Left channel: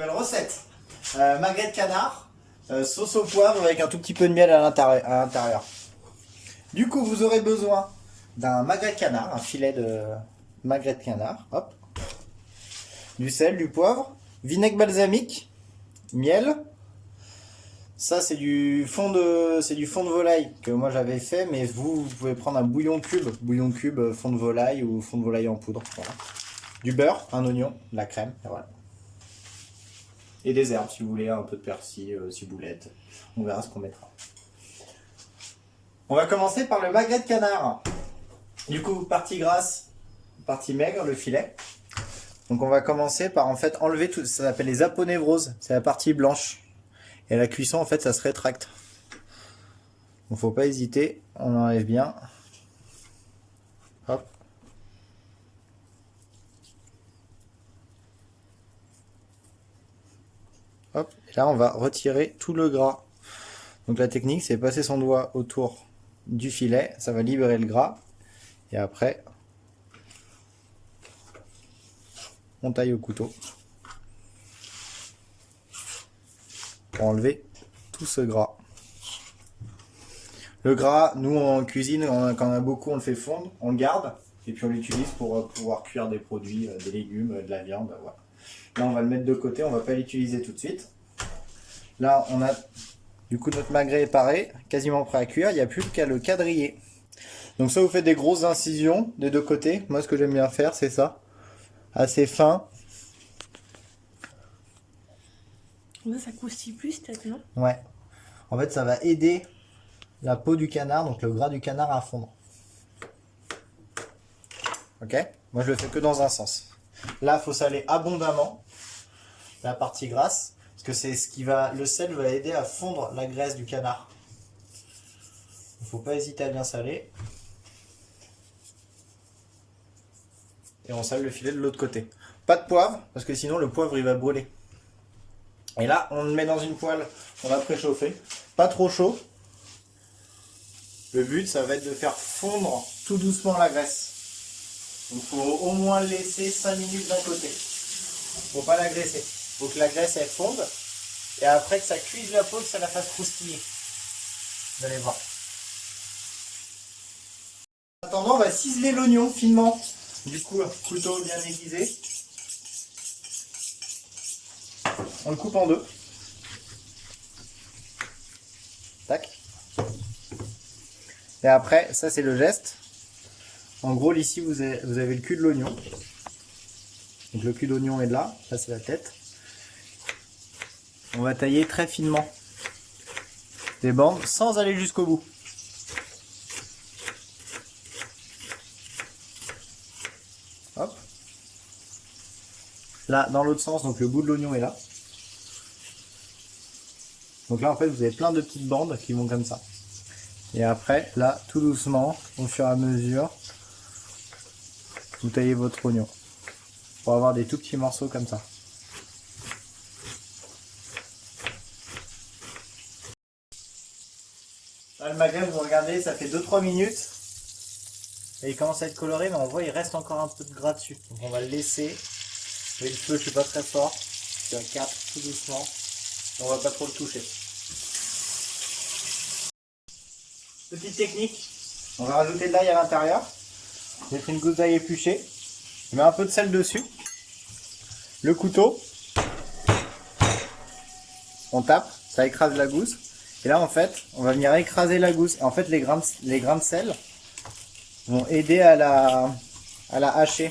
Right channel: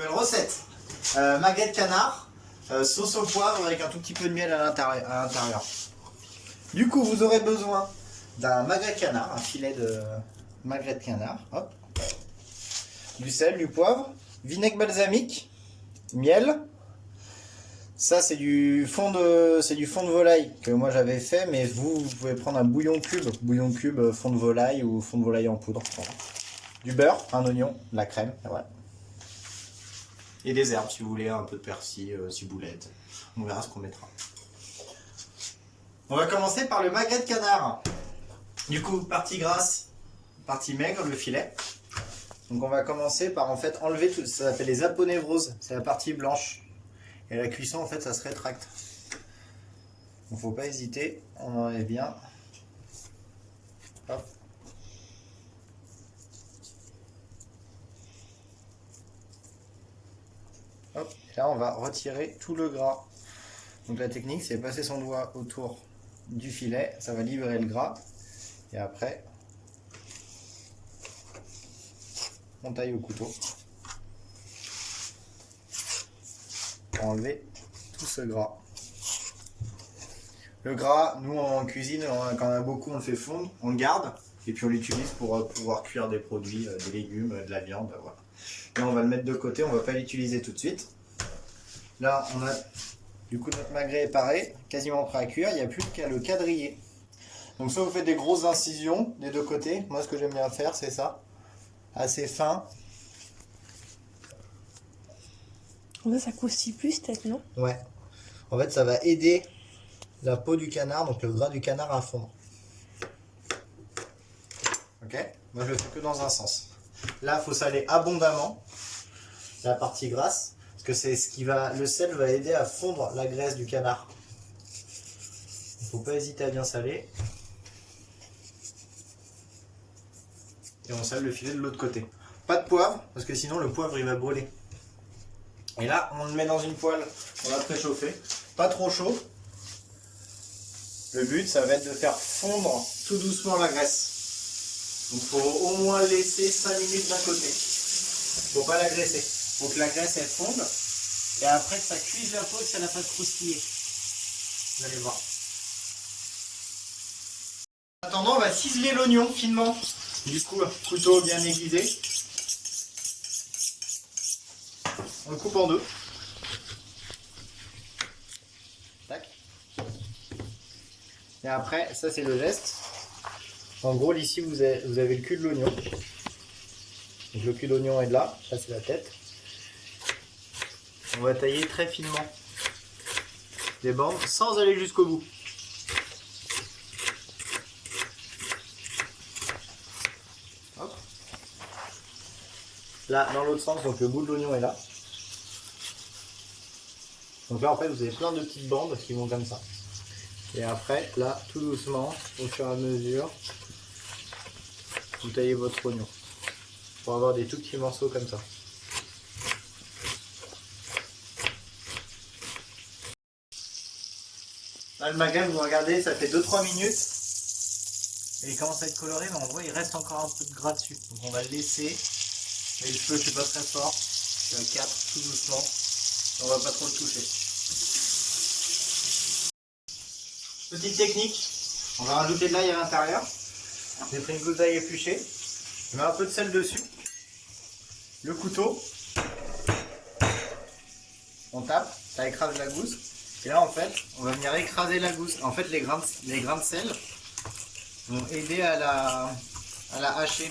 Nouvelle recette, magret de canard, sauce au poivre avec un tout petit peu de miel à l'intérieur. Du coup, vous aurez besoin d'un magret de canard, un filet de magret de canard, hop, du sel, du poivre, vinaigre balsamique, miel. Ça, c'est du fond de volaille que moi j'avais fait, mais vous pouvez prendre un bouillon cube, fond de volaille ou fond de volaille en poudre. Voilà. Du beurre, un oignon, de la crème, voilà. Et des herbes si vous voulez, un peu de persil, ciboulette. On verra ce qu'on mettra. On va commencer par le magret de canard. Du coup, partie grasse, partie maigre, le filet. Donc on va commencer par en fait enlever tout, ça s'appelle les aponevroses, c'est la partie blanche. Et à la cuisson en fait ça se rétracte. Donc faut pas hésiter, on enlève bien. Hop. Hop, et là on va retirer tout le gras. Donc la technique c'est passer son doigt autour du filet, ça va libérer le gras. Et après, on taille au couteau pour enlever tout ce gras. Le gras, nous en cuisine, quand on a beaucoup, on le fait fondre, on le garde et puis on l'utilise pour pouvoir cuire des produits, des légumes, de la viande. Voilà. Là, on va le mettre de côté, on va pas l'utiliser tout de suite. Là, on a du coup notre magret est paré, quasiment prêt à cuire. Il n'y a plus qu'à le quadriller. Donc ça, vous faites des grosses incisions des deux côtés. Moi, ce que j'aime bien faire, c'est ça, assez fin. Ça croustille plus peut-être, non? Ouais. En fait, ça va aider la peau du canard, donc le gras du canard à fondre. Ok? Moi, je le fais que dans un sens. Là, il faut saler abondamment la partie grasse, parce que c'est ce qui va, le sel va aider à fondre la graisse du canard. Il ne faut pas hésiter à bien saler. Et on sale le filet de l'autre côté. Pas de poivre, parce que sinon le poivre il va brûler. Et là, on le met dans une poêle qu'on a préchauffée. Pas trop chaud. Le but, ça va être de faire fondre tout doucement la graisse. Donc, il faut au moins laisser 5 minutes d'un côté. Faut pas la graisser. Faut que la graisse, elle fonde. Et après que ça cuise la peau, que ça la fasse croustiller. Vous allez voir. En attendant, on va ciseler l'oignon finement. Du coup, couteau bien aiguisé. On le coupe en deux. Tac. Et après, ça c'est le geste. En gros, ici, vous avez le cul de l'oignon. Donc le cul d'oignon est de là. Ça c'est la tête. On va tailler très finement des bandes sans aller jusqu'au bout. Hop. Là, dans l'autre sens, donc le bout de l'oignon est là. Donc là, en fait, vous avez plein de petites bandes qui vont comme ça. Et après, là, tout doucement, au fur et à mesure, vous taillez votre oignon. Pour avoir des tout petits morceaux comme ça. Là, le magret, vous regardez, ça fait 2-3 minutes. Et il commence à être coloré, mais on voit il reste encore un peu de gras dessus. Donc on va le laisser. Et le feu, je suis pas très fort. Je suis à 4, tout doucement. On va pas trop le toucher. Petite technique, on va rajouter de l'ail à l'intérieur. J'ai pris une gousse d'ail épluchée. Je mets un peu de sel dessus. Le couteau. On tape, ça écrase la gousse. Et là en fait, on va venir écraser la gousse. En fait, les grains de sel vont aider à la hacher.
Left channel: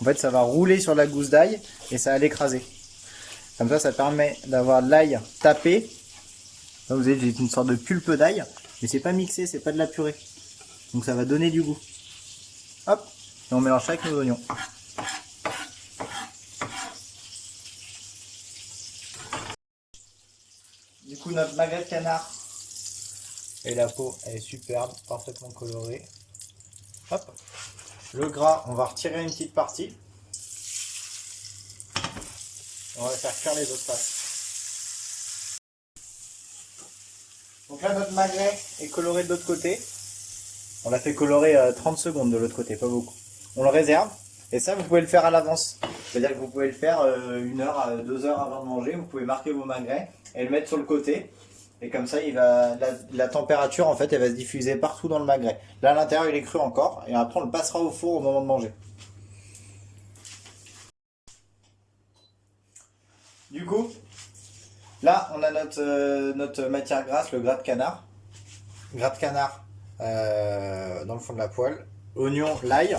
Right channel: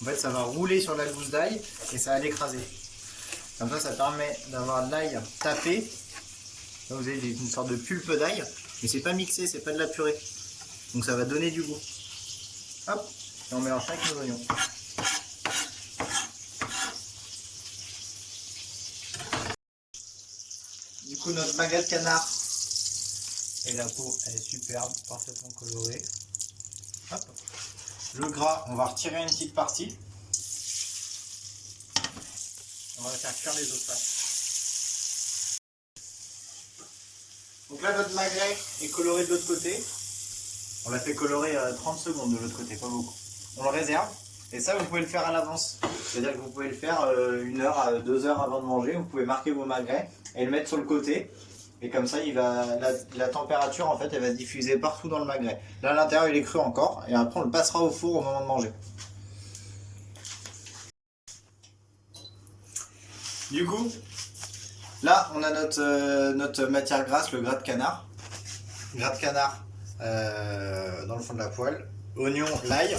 En fait, ça va rouler sur la gousse d'ail et ça va l'écraser. Comme ça permet d'avoir de l'ail tapé. Là, vous avez une sorte de pulpe d'ail. Mais c'est pas mixé, c'est pas de la purée. Donc ça va donner du goût. Hop, et on mélange ça avec nos oignons. Du coup, notre magret de canard. Et la peau, elle est superbe, parfaitement colorée. Hop. Le gras, on va retirer une petite partie. On va faire cuire les autres faces. Donc là, notre magret est coloré de l'autre côté. On l'a fait colorer 30 secondes de l'autre côté, pas beaucoup. On le réserve. Et ça, vous pouvez le faire à l'avance. C'est-à-dire que vous pouvez le faire 1 heure à 2 heures avant de manger. Vous pouvez marquer vos magrets et le mettre sur le côté. Et comme ça, la température, en fait, elle va se diffuser partout dans le magret. Là, à l'intérieur, il est cru encore. Et après, on le passera au four au moment de manger. Du coup, là, on a notre matière grasse, le gras de canard. Gras de canard dans le fond de la poêle. Oignon, l'ail.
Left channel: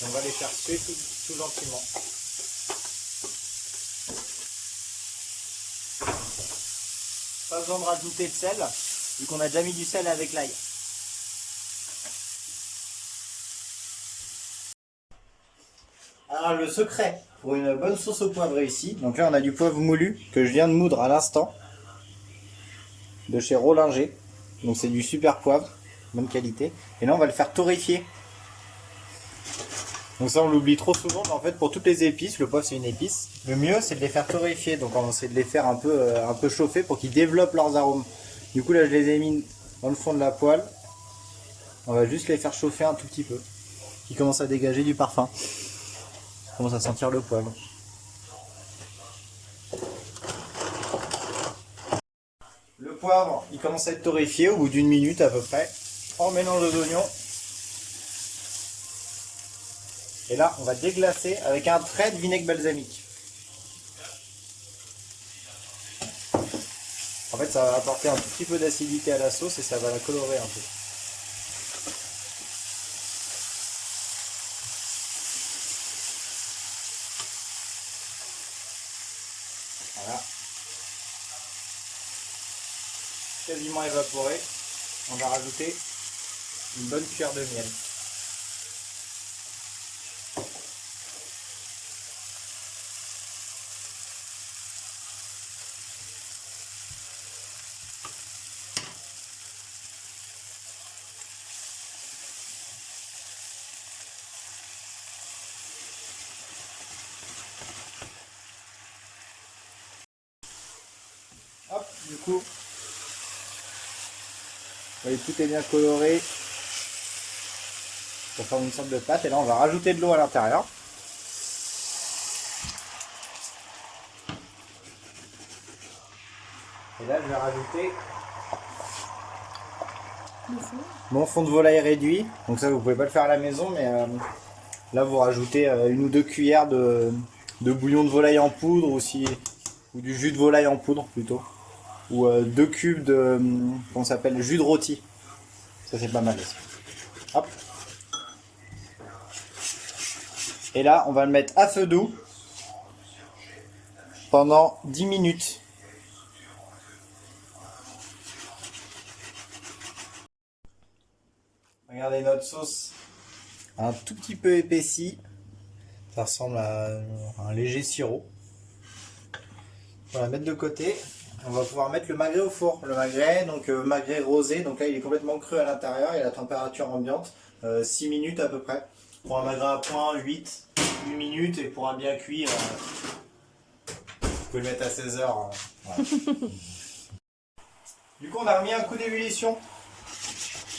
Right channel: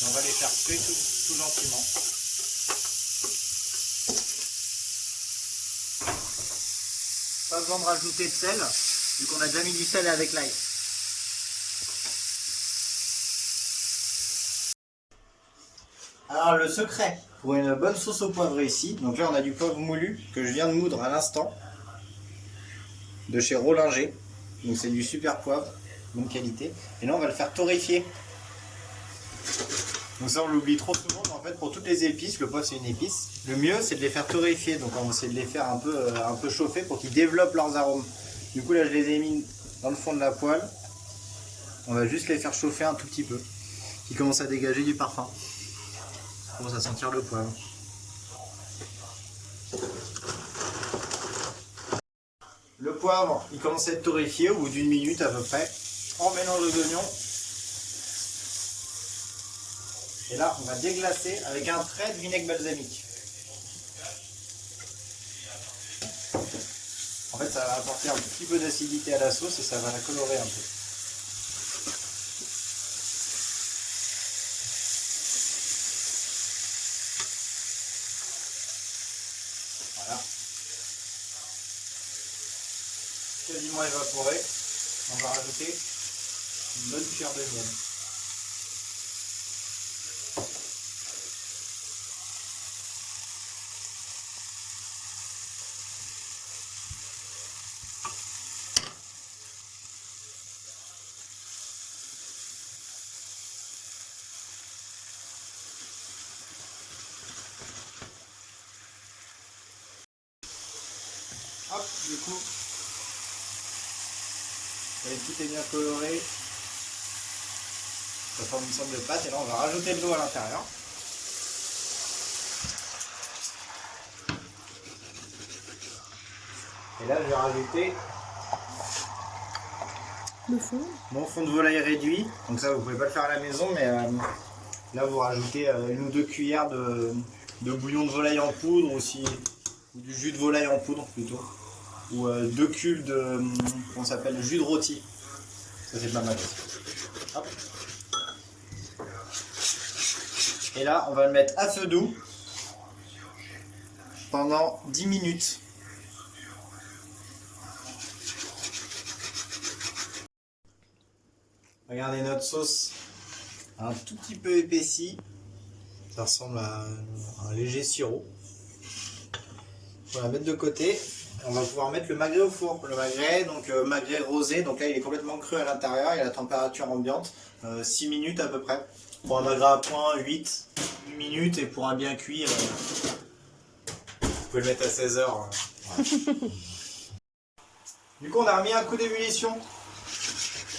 On va les faire cuire tout gentiment. Pas besoin de rajouter de sel, vu qu'on a déjà mis du sel avec l'ail. Alors le secret pour une bonne sauce au poivre réussie, donc là on a du poivre moulu que je viens de moudre à l'instant, de chez Rollinger. Donc c'est du super poivre, bonne qualité. Et là on va le faire torréfier. Donc ça on l'oublie trop souvent, mais en fait pour toutes les épices, le poivre c'est une épice. Le mieux c'est de les faire torréfier, donc on essaie de les faire un peu chauffer pour qu'ils développent leurs arômes. Du coup là je les ai mis dans le fond de la poêle. On va juste les faire chauffer un tout petit peu. Ils commencent à dégager du parfum. On commence à sentir le poivre. Le poivre il commence à être torréfié au bout d'1 minute à peu près. On mélange aux oignons. Et là, on va déglacer avec un trait de vinaigre balsamique. En fait, ça va apporter un tout petit peu d'acidité à la sauce et ça va la colorer un peu. Voilà. Quasiment évaporé. On va rajouter une bonne cuillère de miel. Hop, du coup, et tout est bien coloré. Ça forme une sorte de pâte et là on va rajouter de l'eau à l'intérieur. Et là je vais rajouter Le fond. mon fond de volaille réduit. Donc ça vous pouvez pas le faire à la maison, mais là vous rajoutez 1 ou 2 cuillères de bouillon de volaille en poudre ou du jus de volaille en poudre plutôt. Ou 2 cubes de comment ça s'appelle, jus de rôti. Ça c'est pas mal. Hop. Et là on va le mettre à feu doux pendant 10 minutes. Regardez notre sauce un tout petit peu épaissie. Ça ressemble à un léger sirop. On va la mettre de côté. On va pouvoir mettre le magret au four. Le magret, donc magret rosé, donc là il est complètement cru à l'intérieur, il a la température ambiante, 6 minutes à peu près. Pour un magret à point, 8 minutes, et pour un bien cuit, vous pouvez le mettre à 16 heures. Ouais. Du coup on a remis un coup d'ébullition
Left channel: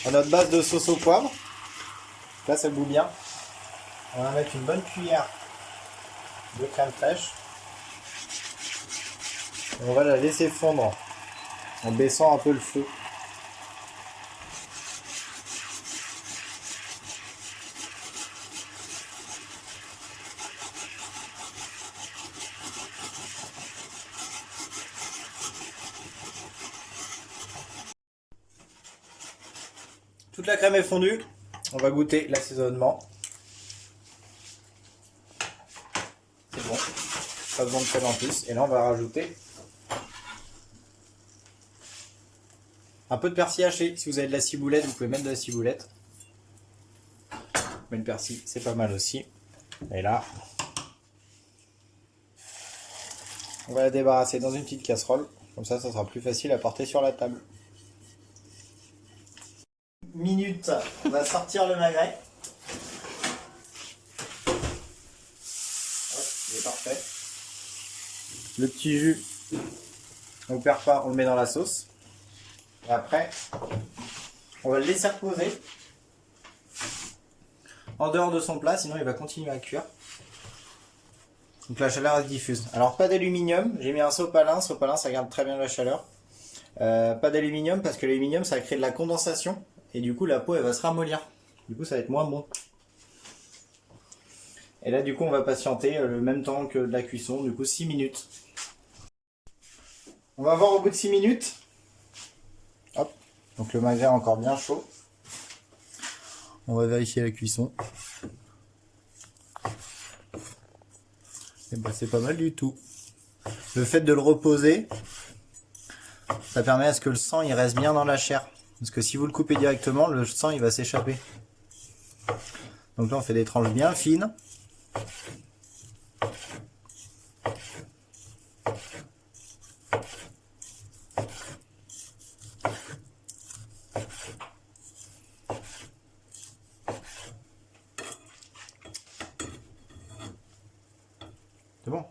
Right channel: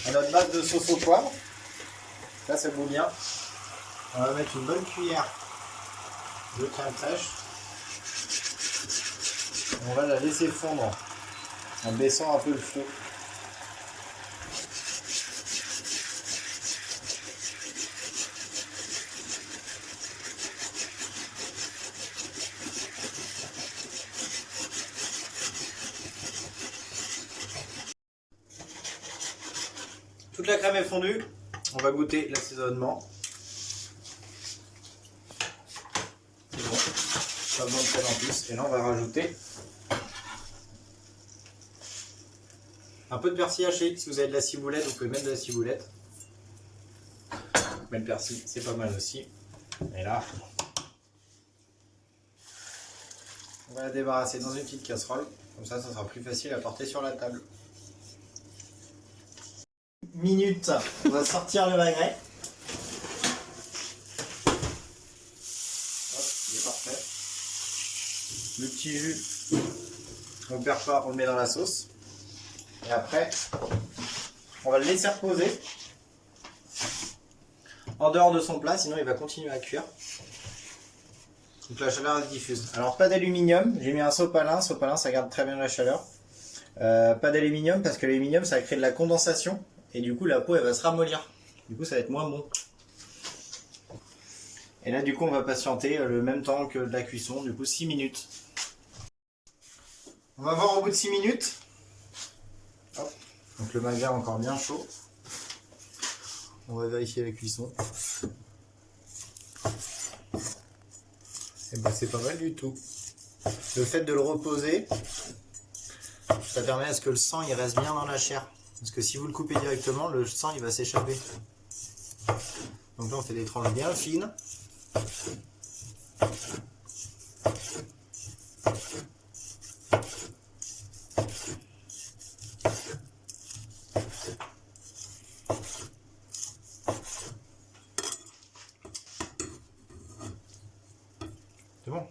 à notre base de sauce au poivre. Là ça bout bien. On va mettre une bonne cuillère de crème fraîche. On va la laisser fondre en baissant un peu le feu. Toute la crème est fondue. On va goûter l'assaisonnement. C'est bon. Pas besoin de sel en plus. Et là on va rajouter un peu de persil haché. Si vous avez de la ciboulette, vous pouvez mettre de la ciboulette. Mais le persil, c'est pas mal aussi. Et là, on va la débarrasser dans une petite casserole. Comme ça, ça sera plus facile à porter sur la table. Minute, on va sortir le magret. Hop, il est parfait. Le petit jus, on ne perd pas, on le met dans la sauce. Et après, on va le laisser reposer en dehors de son plat, sinon il va continuer à cuire. Donc la chaleur est diffuse. Alors pas d'aluminium, j'ai mis un sopalin, ça garde très bien la chaleur. Pas d'aluminium parce que l'aluminium ça va créer de la condensation et du coup la peau elle va se ramollir. Du coup ça va être moins bon. Et là du coup on va patienter le même temps que de la cuisson, du coup 6 minutes. On va voir au bout de 6 minutes. Hop. Donc le magret est encore bien chaud. On va vérifier la cuisson. Et ben, c'est pas mal du tout. Le fait de le reposer, ça permet à ce que le sang il reste bien dans la chair. Parce que si vous le coupez directement, le sang il va s'échapper. Donc là on fait des tranches bien fines. C'est bon.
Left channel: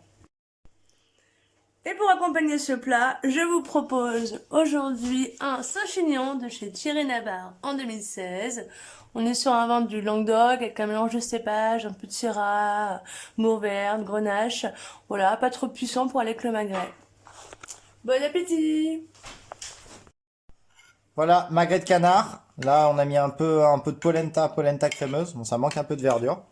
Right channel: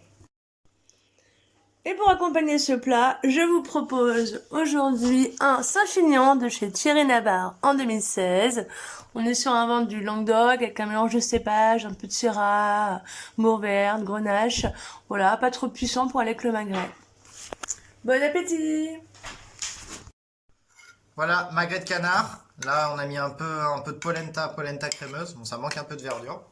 Et pour accompagner ce plat, je vous propose aujourd'hui un Saint-Chinian de chez Thierry Navarre en 2016. On est sur un ventre du Languedoc avec un mélange de cépages, un peu de Syrah, Mourvèdre, Grenache. Voilà, pas trop puissant pour aller avec le magret. Bon appétit! Voilà, magret de canard. Là, on a mis un peu de polenta crémeuse. Bon, ça manque un peu de verdure.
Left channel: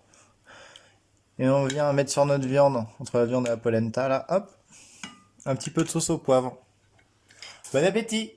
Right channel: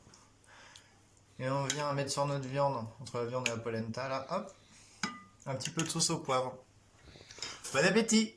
Et on vient mettre sur notre viande, entre la viande et la polenta, là, hop, un petit peu de sauce au poivre. Bon appétit!